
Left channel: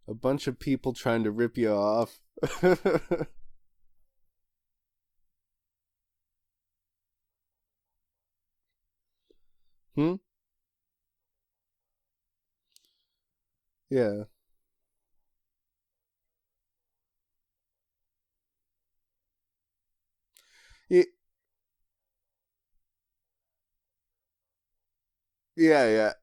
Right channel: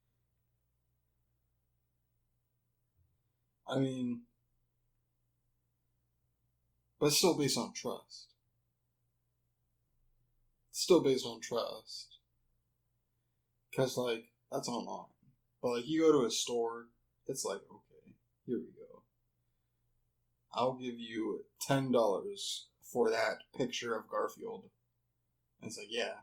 A bunch of people trying to rip you off. I mean, but it's still based on trust. It's still based on trust. Because, Yeah. like, that's online. But, like, you go to a store, it's like, okay, here we go. I'll give you $10 for that picture of Garfield. Yeah.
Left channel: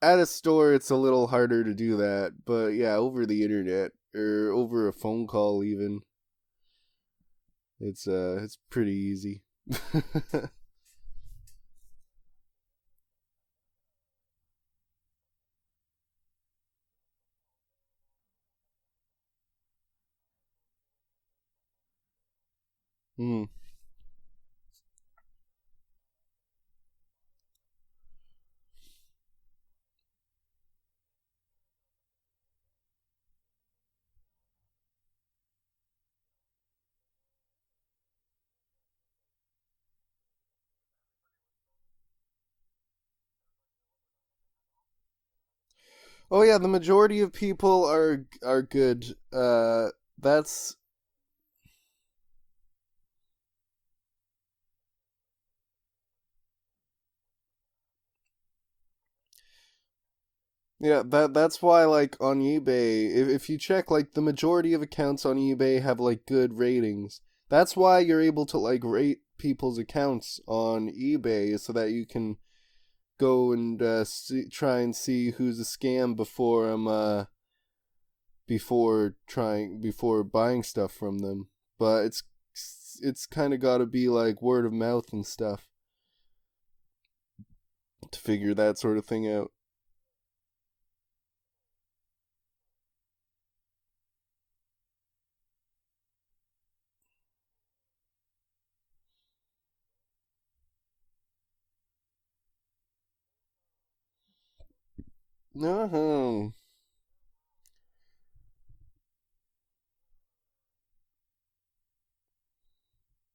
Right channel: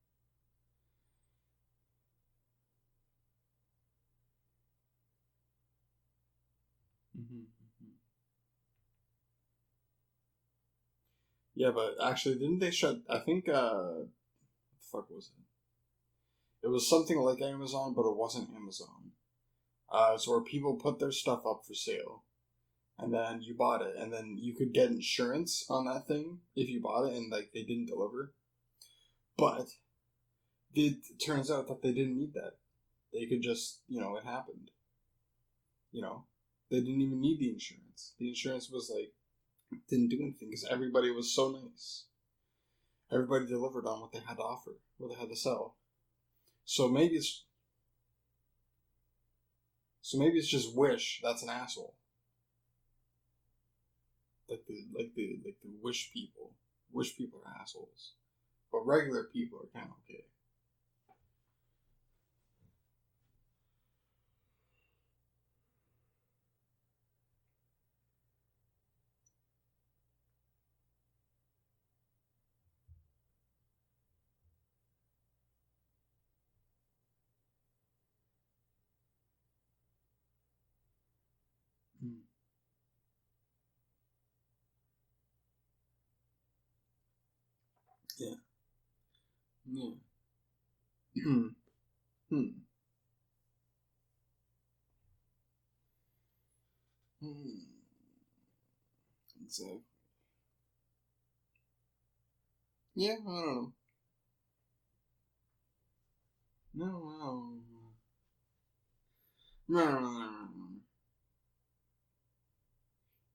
At a store, it's a little harder to do that, but yeah, over the internet or over a phone call, even, it's pretty easy. Yeah, but actually, didn't they shut? I think what the fuck was it? It was something like Amazon, but it wasn't Amazon. It's where people put their stuff up for sale, and then you bought it, and then you could get insurance on that thing if you bought it and like they didn't deliver. But it turns out that they didn't need that. They could just, it happened. They didn't even need the insurance. The insurance was like, didn't do anything because everybody was so nice. Everybody delivered on what they had to offer, what they had to sell. Oh yeah, the majority of people are good. So maybe it's just Wish that's an asshole. Like the Wish people. Wish people are assholes. But regular people are kind of okay. Yeah, that's why, like, on eBay, if you check, like, the majority of accounts on eBay have, like, good ratings. That's why you're able to, like, rate people's accounts on eBay, so that you can go and try and see who's a scam before buying stuff from them. But it's kind of got to be, like, word of mouth and stuff to figure that sort of thing out. Yeah. Exactly. Yeah, I don't know. No.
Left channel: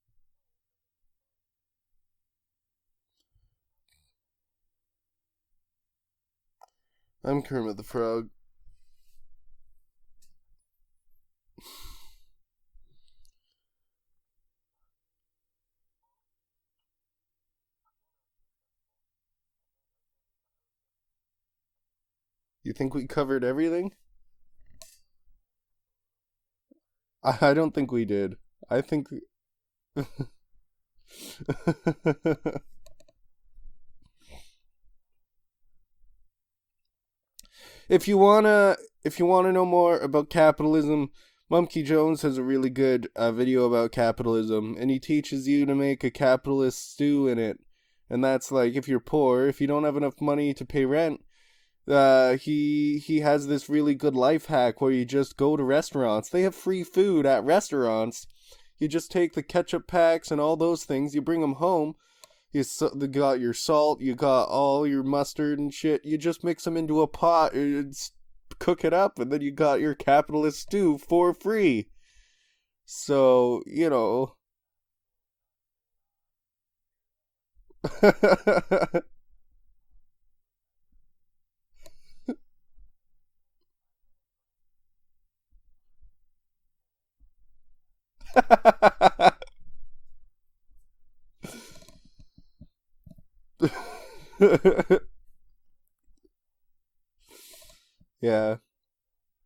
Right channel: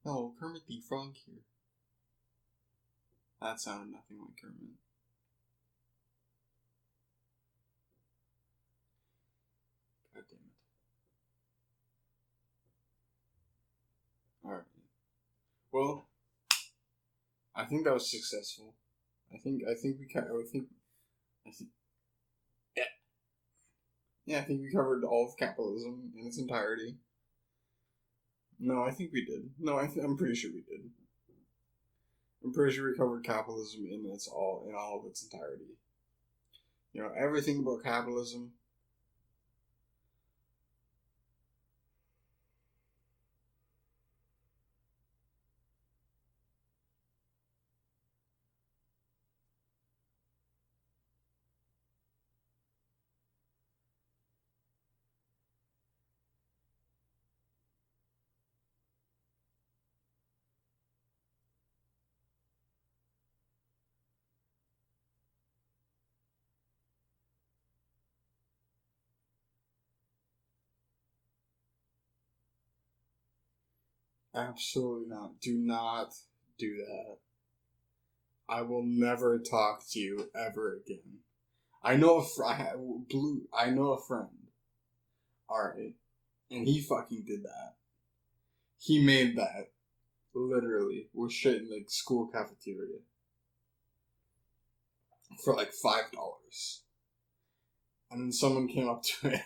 Oh, Kermit the Frog here. That sounded nothing like Kermit. I'm Kermit the Frog. God damn it. Alright. Well, I think that was successful. You think we covered everything? Yeah, I think we covered all of capitalism in its entirety. I don't think we did. No, I think we did. No, I'm pretty sure we did. I'm pretty sure we covered capitalism in all of its entirety. Everything about capitalism. If you wanna know more about capitalism, Mumkey Jones has a really good video about capitalism, and he teaches you to make a capitalist stew in it. And that's like, if you're poor, if you don't have enough money to pay rent, he has this really good life hack where you just go to restaurants. They have free food at restaurants. You just take the ketchup packs and all those things, you bring them home. You got your salt, you got all your mustard and shit. You just mix them into a pot and cook it up, and then you got your capitalist stew for free. So, Absolutely not. Do not do that. I will never talk to you ever again. I know a friend. Alright. And he fucking did that. He made that. Literally. We're shit in the school cafeteria. For like $5. And then someone came up to it.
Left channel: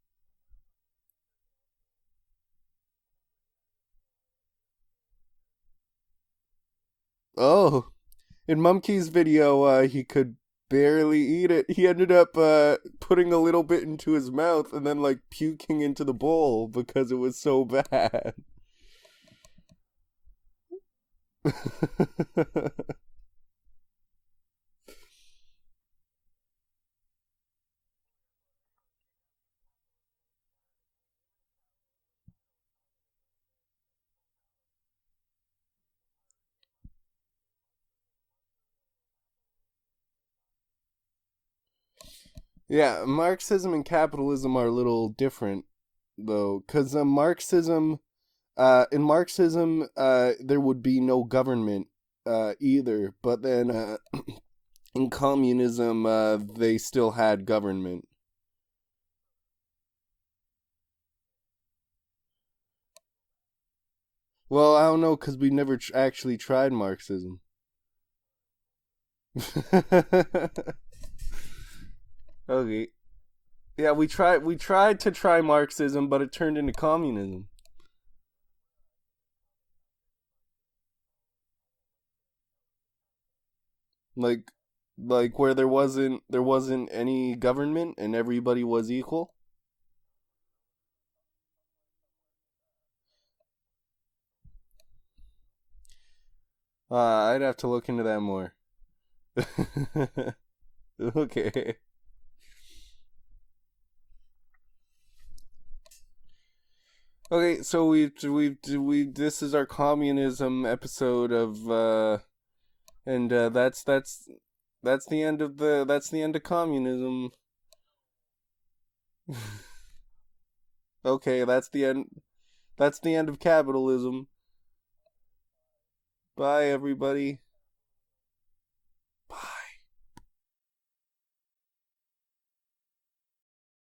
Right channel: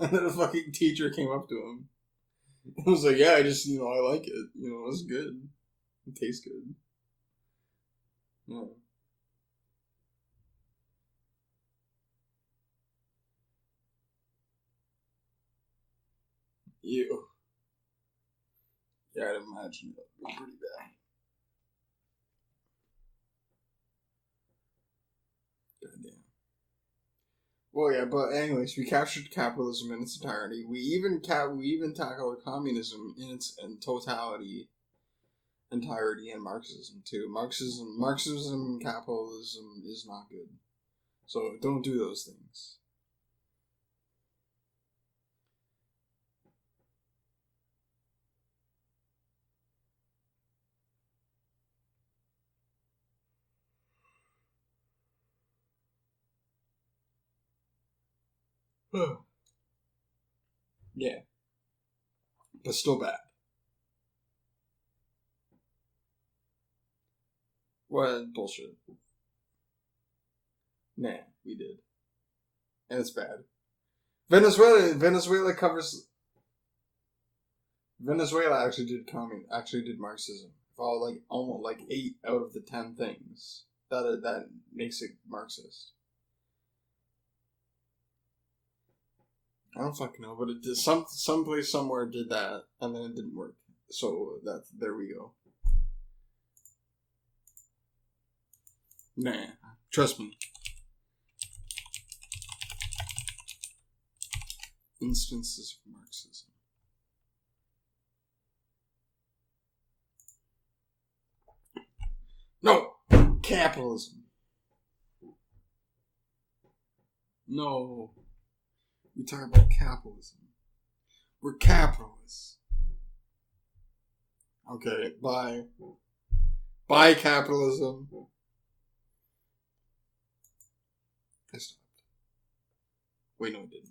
And then a fucking teacher came up to him. It was like, yeah, I just, I like it. It's good. It tastes good. Oh. In Mumkey's video, he could barely eat it. He ended up putting a little bit into his mouth and then, like, puking into the bowl because it was so bad. Yeah, I'd imagine that would be pretty bad. Goddamn. Well, yeah, but anyways, we captured capitalism in its entirety. We even tackled communism in its entirety, and Marxism too. Marxism, capitalism is not good. So don't do those things. Yeah, Marxism and capitalism are a little different, though, because in Marxism, there would be no government either. But then in communism, they still had government. Yeah, but still bad. Well, I don't know, because we never actually tried Marxism. Well, bullshit. Nah, we did. Okay. And it's bad. Yeah, we tried to try Marxism, but it turned into communism. Venezuela actually did Marxism. Almost 8 out of the 10 things. That makes it like Marxism. Where there wasn't any government and everybody was equal? I don't fucking know, but it did. Someplace somewhere did that, and then it didn't work. So there we go. I'd have to look into that more. Nah, trust me. Okay. Instances of Marxism. Okay, so we this is our communism episode of No. and Capitalism. that's the end of communism. No. We talk about capitalism. Okay, We're that's the end. capitalists. That's the end of capitalism. Okay, bye. Bye, everybody. Bye, capitalism. Bye. I stopped. Wait, no, it didn't.